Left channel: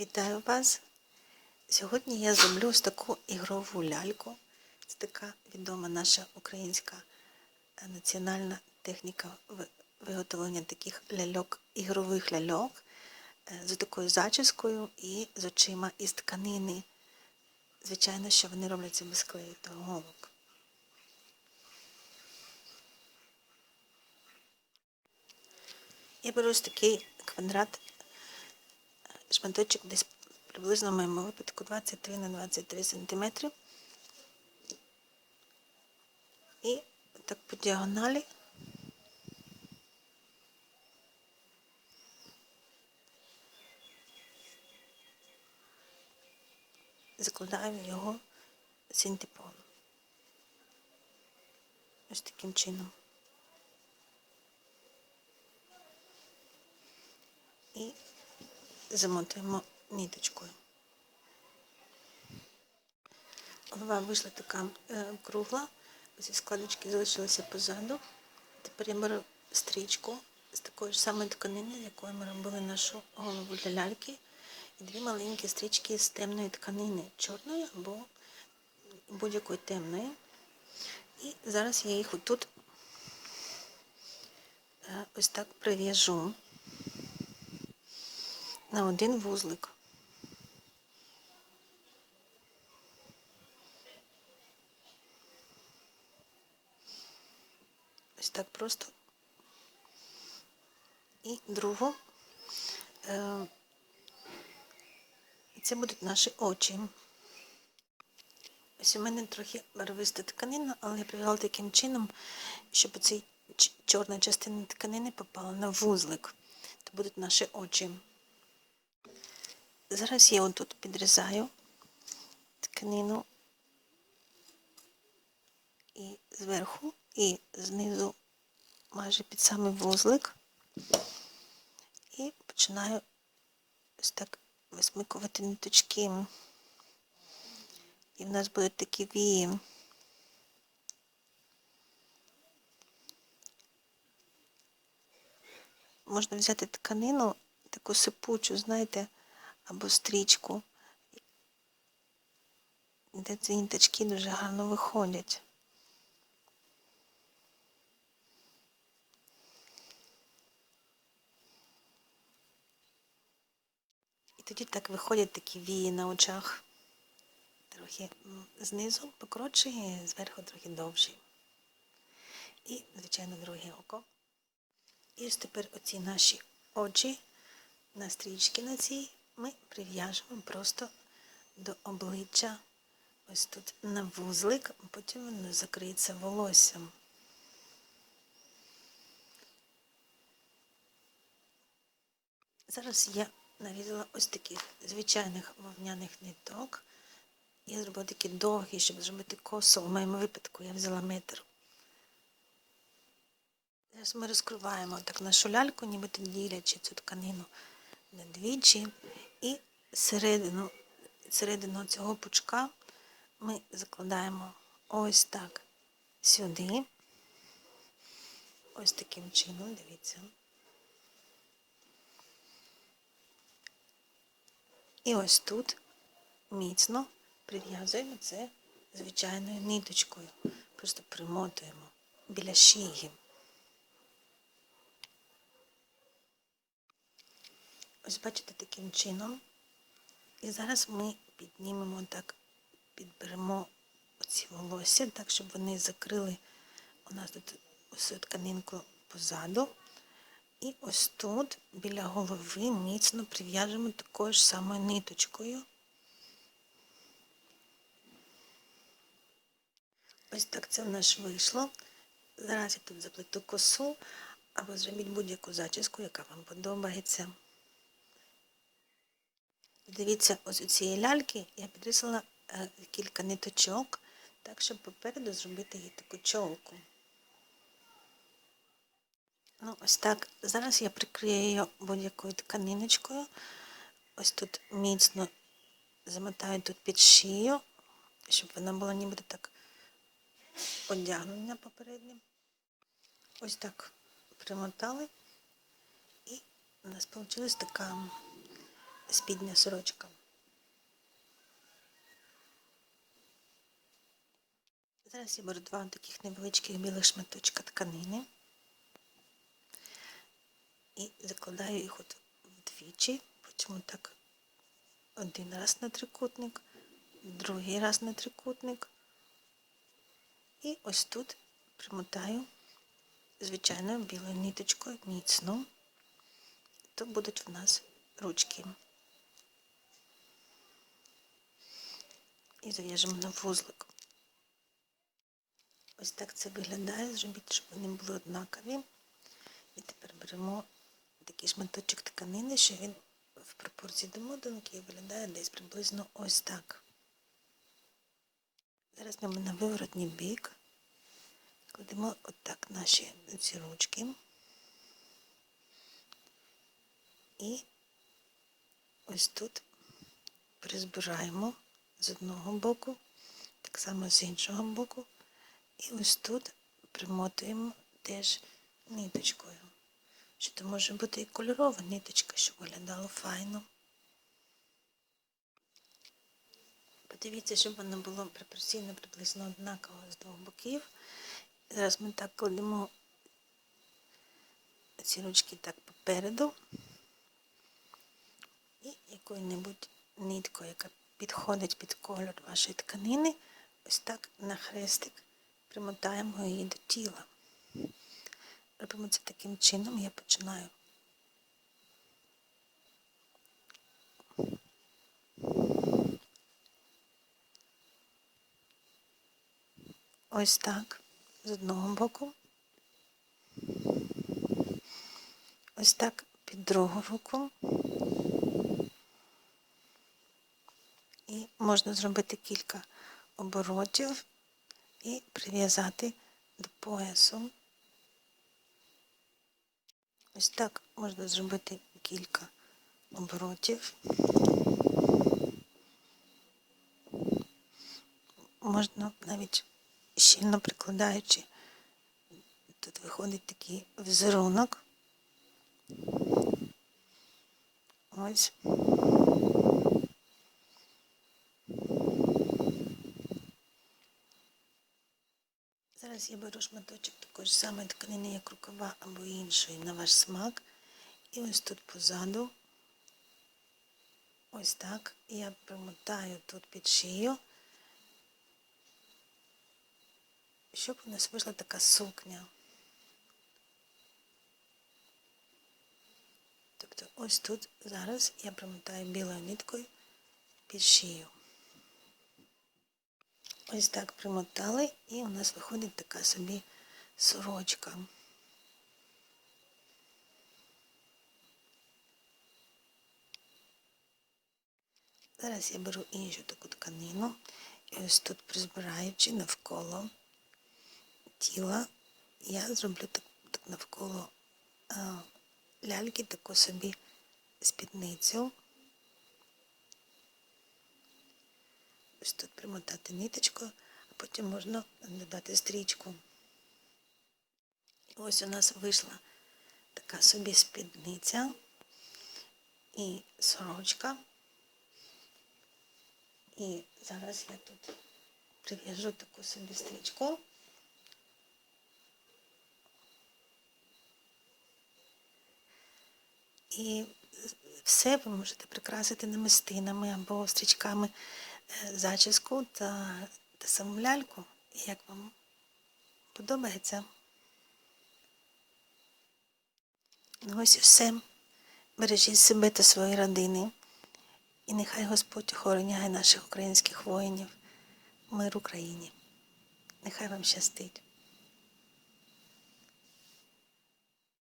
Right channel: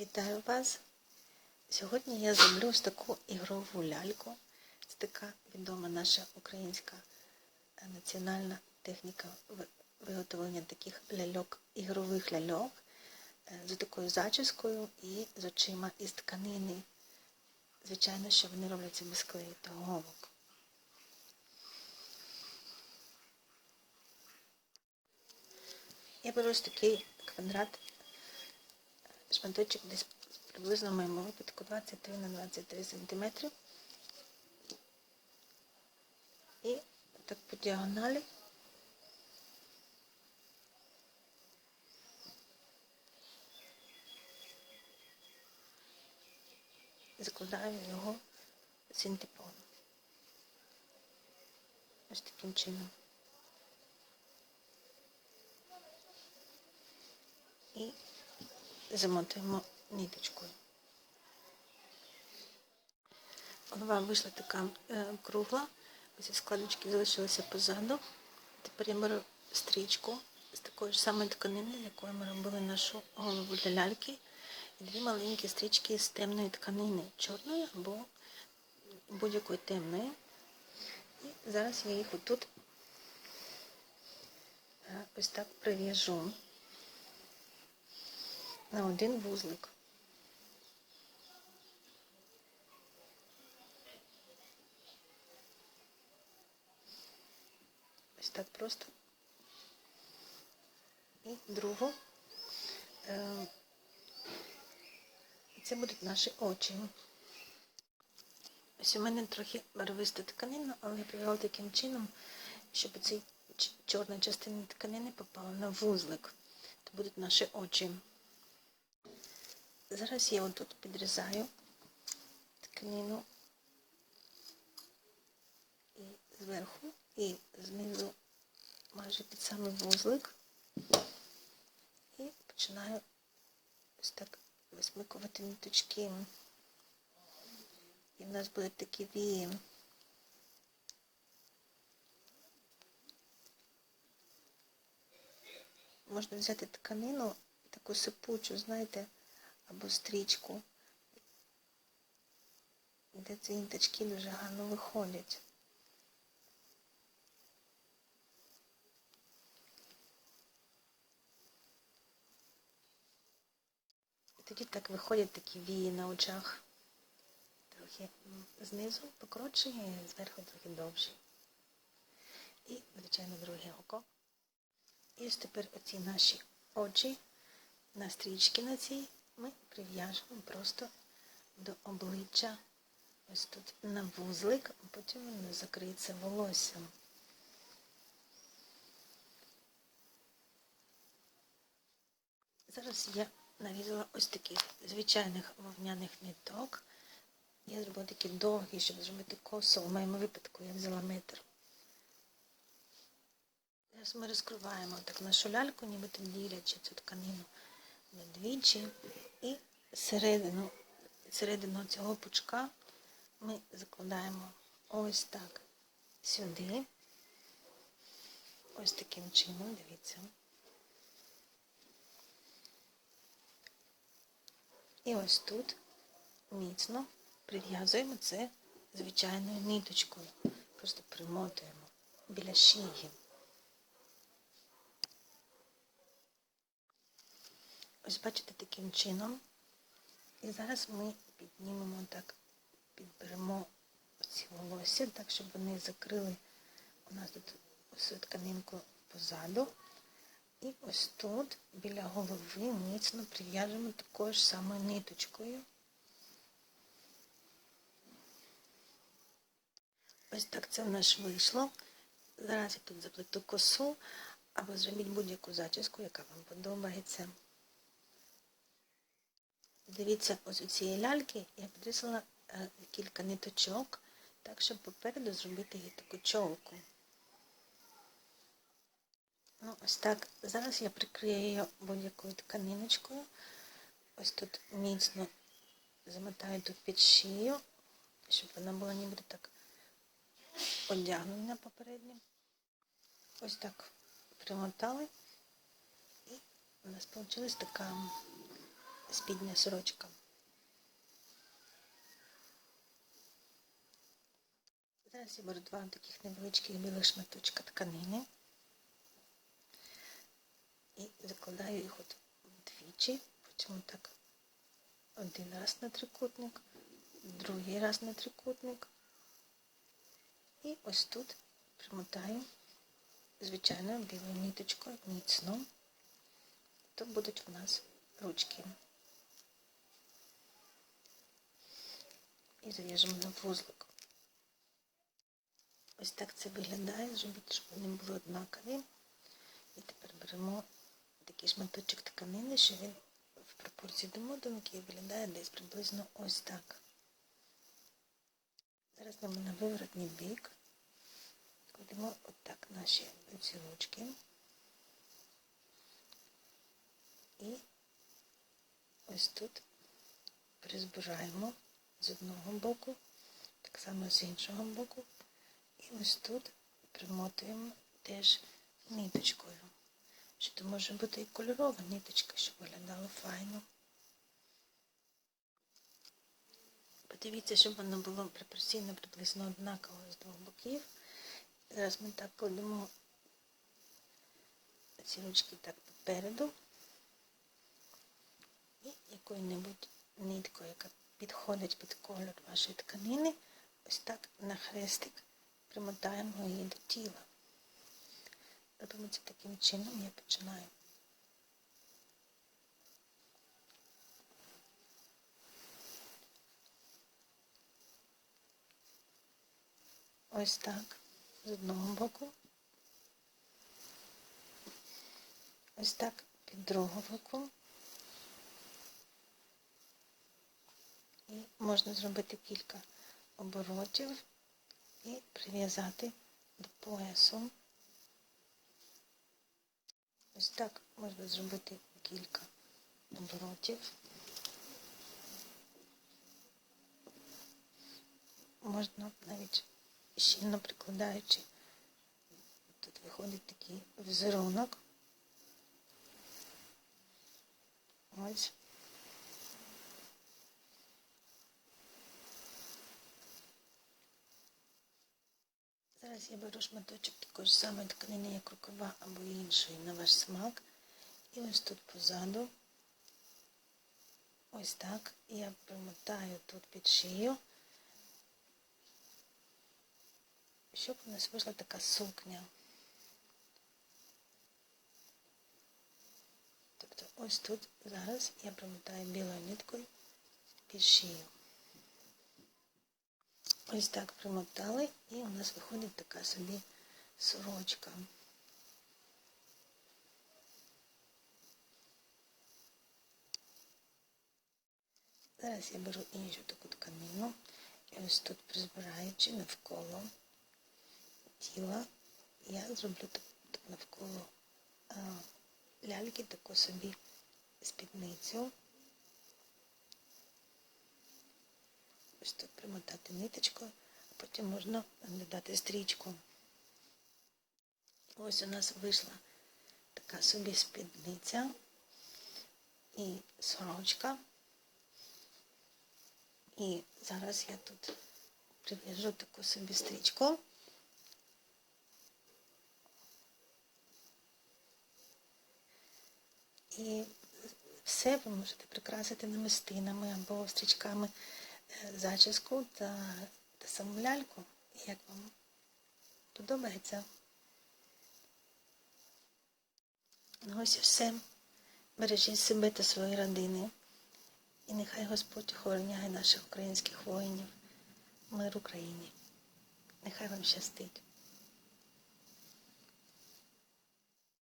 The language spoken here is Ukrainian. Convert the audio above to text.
Вітаю вас! Сьогодні я зроблю ось таку ігрову ляльку. Це така відома наша українська е, національна техніка виготовлення таких ляльок, ігрових ляльок е, з такою зачіскою і з очима із тканини. Звичайно, що вони робляться без клею та голок. Я беру ось такий квадрат шматочок десь приблизно в моєму випадку 23 на 23 сантиметри. І так по діагоналі закладаю в нього синтепон. Ось таким чином. І замотуємо ніточкою. Голова вийшла така е, кругла, ці складочки залишилися позаду. Тепер я беру стрічку з такої ж самої тканини, з якої ми робили нашу голову для ляльки, і дві маленькі стрічки з темної тканини, чорної або будь-якої темної. І зараз я їх отут е, ось так прив'яжу на один вузлик. Ось так просто. І другу. Е, Це будуть наші очі. Ось у мене трохи барвиста тканина, але я привела таким чином, щоб ця чорна частина тканини попала на вузлик. Це будуть наші очі. Зараз я отут підрізаю тканину і зверху, і знизу майже під самий вузлик. І починаю ось так висмикувати ниточки. І в нас будуть такі вії. Можна взяти тканину, таку сипучу, знаєте, або стрічку, де ці ниточки дуже гарно виходять. І тоді так виходять такі вії на очах. Трохи знизу покоротші, і зверху трохи довші. І, звичайно, друге око. І ось тепер оці наші очі на стрічки на цій ми прив'яжемо просто до обличчя. Ось тут на вузлик, потім воно закриється волоссям. Зараз я нарізала ось таких звичайних вовняних ниток. Я зробила такі довгі, щоб зробити косу. В моєму випадку я взяла метр. Зараз ми розкриваємо так нашу ляльку, нібито ділячи цю тканину двічі. І середину, середину цього пучка ми закладаємо ось так сюди. Ось таким чином, дивіться. І ось тут міцно прив'язуємо це звичайною ниточкою. Просто примотуємо біля шиї. Ось бачите таким чином. І зараз ми піднімемо так, підберемо оці волосся, так, щоб вони закрили у нас тут ось тканинку позаду. І ось тут біля голови міцно прив'яжемо такою ж самою ниточкою. Ось так це в нас вийшло. Зараз я тут заплету косу, або зробіть будь-яку зачіску, яка вам подобається. Дивіться, ось у цієї ляльки я підрізала е, кілька ниточок, так, щоб попереду зробити їй таку чолку. Ну, ось так. Зараз я прикрию її будь-якою тканиночкою. Ось тут міцно замотаю тут під шию, щоб вона була нібито так одягнена попередньо. Ось так примотали. І у нас вийшла така спідня сорочка. Зараз я беру два таких невеличких білих шматочка тканини і закладаю їх от вдвічі, потім так один раз на трикутник, другий раз на трикутник. І ось тут примотаю звичайною білою ниточкою міцно. То будуть в нас ручки. І зав'яжемо на вузлик. Ось так це виглядає, зробіть, щоб вони були однакові. І тепер беремо такий шматочок тканини, що він в пропорції до мотанки виглядає десь приблизно ось так. Зараз ми на виворотній бік кладемо отак наші ці ручки. І ось тут призбираємо з одного боку, так само з іншого боку. І ось тут примотуємо теж ниточкою. Що то може бути і кольорова ниточка, щоб виглядало файно. Подивіться, щоб воно було пропорційно приблизно однаково з двох боків. Зараз ми так кладемо ці ручки так попереду і якою-небудь ниткою, яка підходить під кольор вашої тканини, ось так на хрестик примотаємо її до тіла. Робимо це таким чином, я починаю. Ось так, з одного боку. Ось так під другу руку. І можна зробити кілька оборотів і прив'язати до поясу. Ось так можна зробити кілька оборотів. Можна навіть щільно прикладаючи, тут виходить такий візерунок. Ось. Зараз я беру шматочок такої ж самої тканини, як рукава або іншої на ваш смак. І ось тут позаду, ось так, я примотаю тут під шию, щоб у нас вийшла така сукня. Тобто ось тут зараз я примотаю білою ниткою під шию. Ось так примотали і у нас виходить така собі сорочка. Зараз я беру іншу таку тканину і ось тут призбираючи навколо тіла, я зроблю так, так навколо а, ляльки таку собі спідницю. Ось тут примотати ниточкою, а потім можна додати стрічку. Ось у нас вийшла така собі спідниця і сорочка. І зараз я тут прив'яжу таку собі стрічку. І все ви можете прикрасити намистинами або стрічками зачіску та, та саму ляльку, як вам подобається. Ну ось і. Бережіть себе та свої родини. І нехай Господь охороняє наших українських воїнів. Мир Україні. Нехай вам щастить.